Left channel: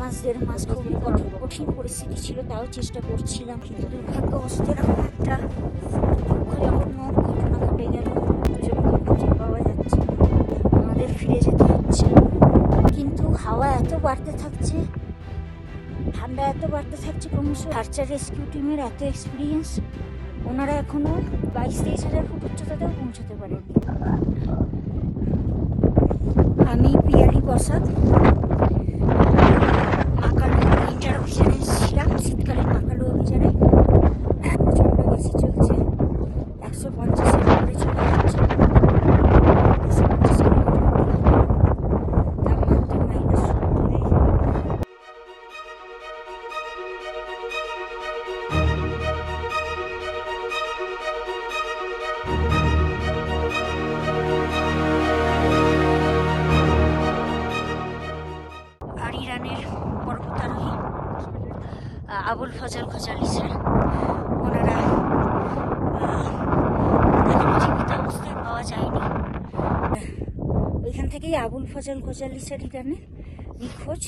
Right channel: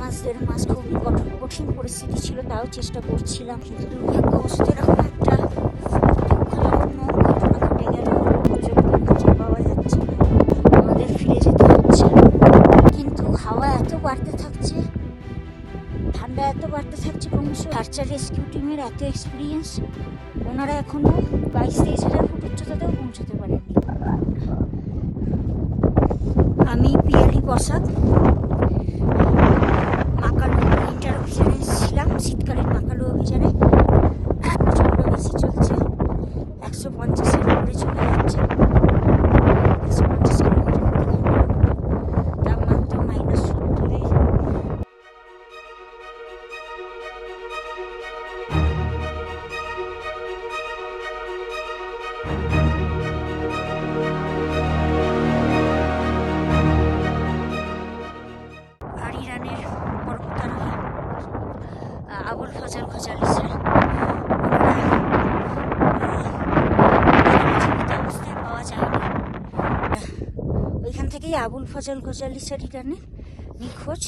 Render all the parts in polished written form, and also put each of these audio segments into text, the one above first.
মাস 1.5 মাস খুব কঠিন পরিস্থিতি ছিল, তাও চেষ্টা করছিলাম। কিন্তু দুর্ভাগ্যবশত এরকম একটা দুঃখজনক ঘটনা ঘটে গেল, খুঁজে পাওয়া যাচ্ছে না, আমাদের ফিরে যেতে হচ্ছে। কিন্তু হাওয়া এত বাড়তে থাকছে, ঠান্ডা এত বাড়তে থাকছে ক্রমশ। সার্চ অ্যান্ড রেস্কিউ টিমের এত এক্সপিরিয়েন্স, ওনারা এখনো 22-23 হাজার ফুট উচ্চতাতেও পৌঁছাতে পারেনি। আমি পিয়ালি বসাক মাকালু উইন্টার অভিযানে এসেছিলাম, শীতকালীন মাকালু অভিযানে। প্রচণ্ড বেশি চলছে, 150 কিলোমিটার চলে যাচ্ছে, 150 কিলোমিটার তাপমাত্রা -70। আর ইরানের পর্বতারোহী আবুল ফজল খোজালি স্যার, ওনারা জীবিত অবস্থায় পাওয়া যায়নি। ওইখান থেকেই আবুল ফজল খোজালি স্যার ইরানে নিখোঁজ।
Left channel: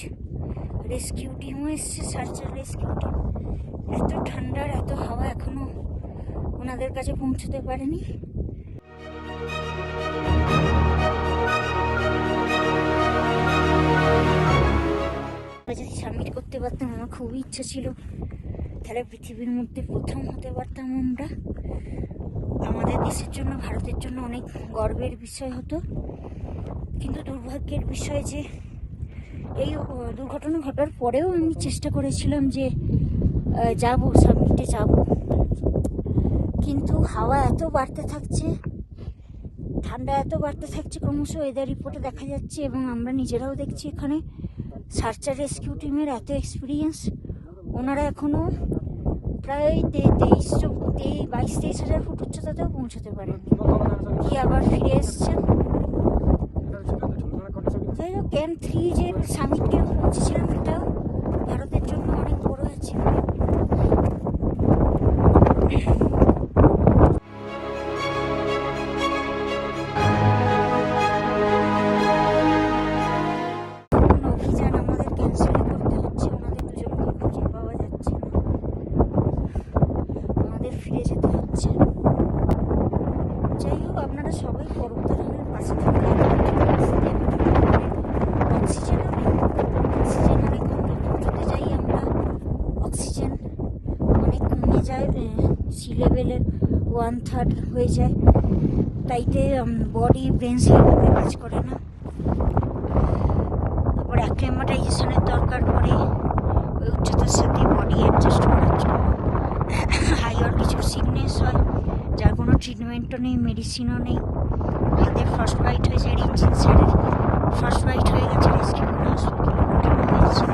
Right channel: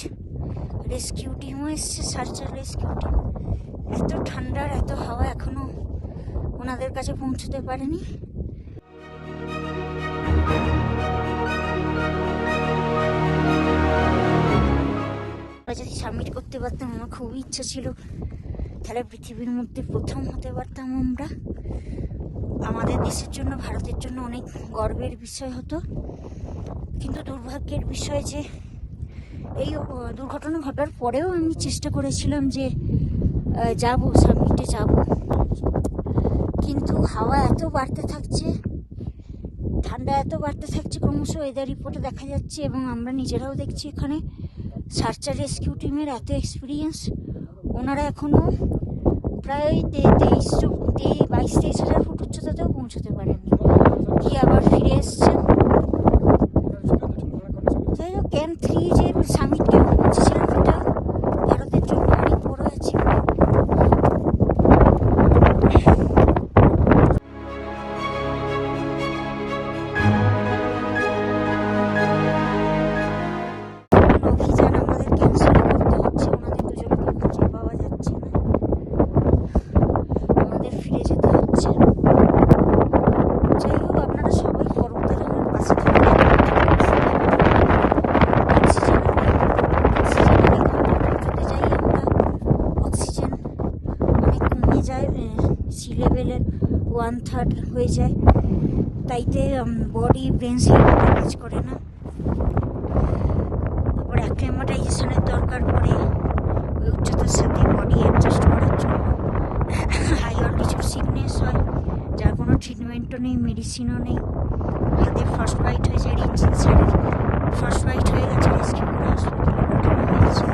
রেস্কিউ টিমও এসছে, সার্চ অ্যান্ড রেস্কিউ টিম। এত ঠান্ডার এত হাওয়া এখনো ওনাদের কাছে পৌঁছতে পারেনি। যদি সাবমিট করতে পারতাম, আমার খুবই ইচ্ছা ছিল, তাহলে পৃথিবীর মধ্যে প্রথম হতে পারতাম আমরা। আমাদের দেশের জন্য, ভারতের জন্য অনেক গর্বের বিষয় হতো। কিন্তু দুর্ভাগ্যের বিষয় যে এই দুর্ঘটনা ঘটার পরেও আমি চেষ্টা করেছিলাম যে যাব, সাবমিটে যাব। কিন্তু হাওয়া এত বাড়তে থাকছে, ঠান্ডা এত বাড়তে থাকছে ক্রমশ, ওয়েদার রিপোর্টে দেখা যাচ্ছে এবং আমরা নিজেরাও দেখছি এখানে, সার্চ অ্যান্ড রেস্কিউ টিমের এত এক্সপিরিয়েন্স, ওনারা এখনও প্রায় 22-23 হাজার ফুট উচ্চতাতেও পৌঁছাতে পারেননি, কি আবার ফিরে এসছেন। যাই হোক, ক্যাম্প 3 যে সামিট ক্যাম্প পৌঁছেছিলাম, সেটা ভারতের জন্য অনেক বড় আছে। অভিযান আমাদের ক্যান্সেল করতে হচ্ছে, ওনাদের দুজনকে খুঁজে পাওয়া যাচ্ছে না, আমাদের ফিরে যেতে হচ্ছে। যাই হোক, আপনারা সবাই পর্বতারোহীর পাশে থাকবেন। অক্সিজেন অনেক কমে যায়, সি লেভেলের 1/3 হয়ে যায়, তাইতে বডি ব্রেন সেইভাবে কাজ করে না। তারপর অ্যাক্লিমেটাইজেশনের দরকার পড়ে ওই উচ্চতার সাথে বডি অ্যাডজাস্ট করার জন্য। হাই অল্টিটিউড সিকনেস হয়, যার কোনো ট্রিটমেন্টও নেই, মেডিসিনও নেই। হাতে ফ্রস্ট বাইট হয়ে যায়, ইঞ্জিন স্যারের ফ্রস্ট বাইট হয়ে গেছে, রেস্কিউ করে হসপিটালে পাঠানো হয়েছে।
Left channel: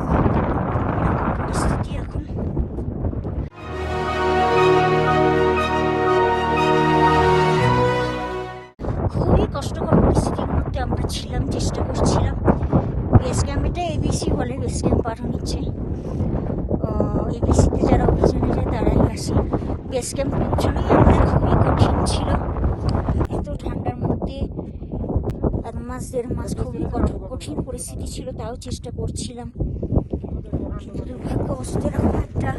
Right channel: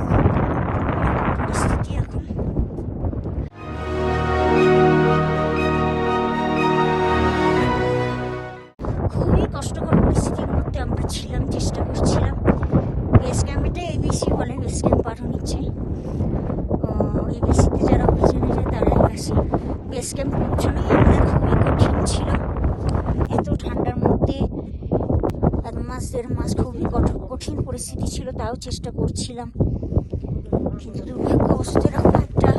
পরিস্থিতি এখন খুবই কষ্টকর পরিস্থিতির মধ্যে আমরা ছিলাম, চেষ্টা করছিলাম। বেস ক্যাম্পটা এবিসি হলে বেস ক্যাম্প পার হচ্ছে, এবিসিতে যারা অভিযানে যায় তারাই আসে। বেস ক্যাম্প পৌঁছানোই আমাদের খুবই কঠিন ছিল, এত ঠান্ডার মধ্যে 1 মাস 1.5 মাস খুব কঠিন পরিস্থিতি ছিল, তাও চেষ্টা করছিলাম। কিন্তু দুর্ভাগ্যবশত এরকম একটা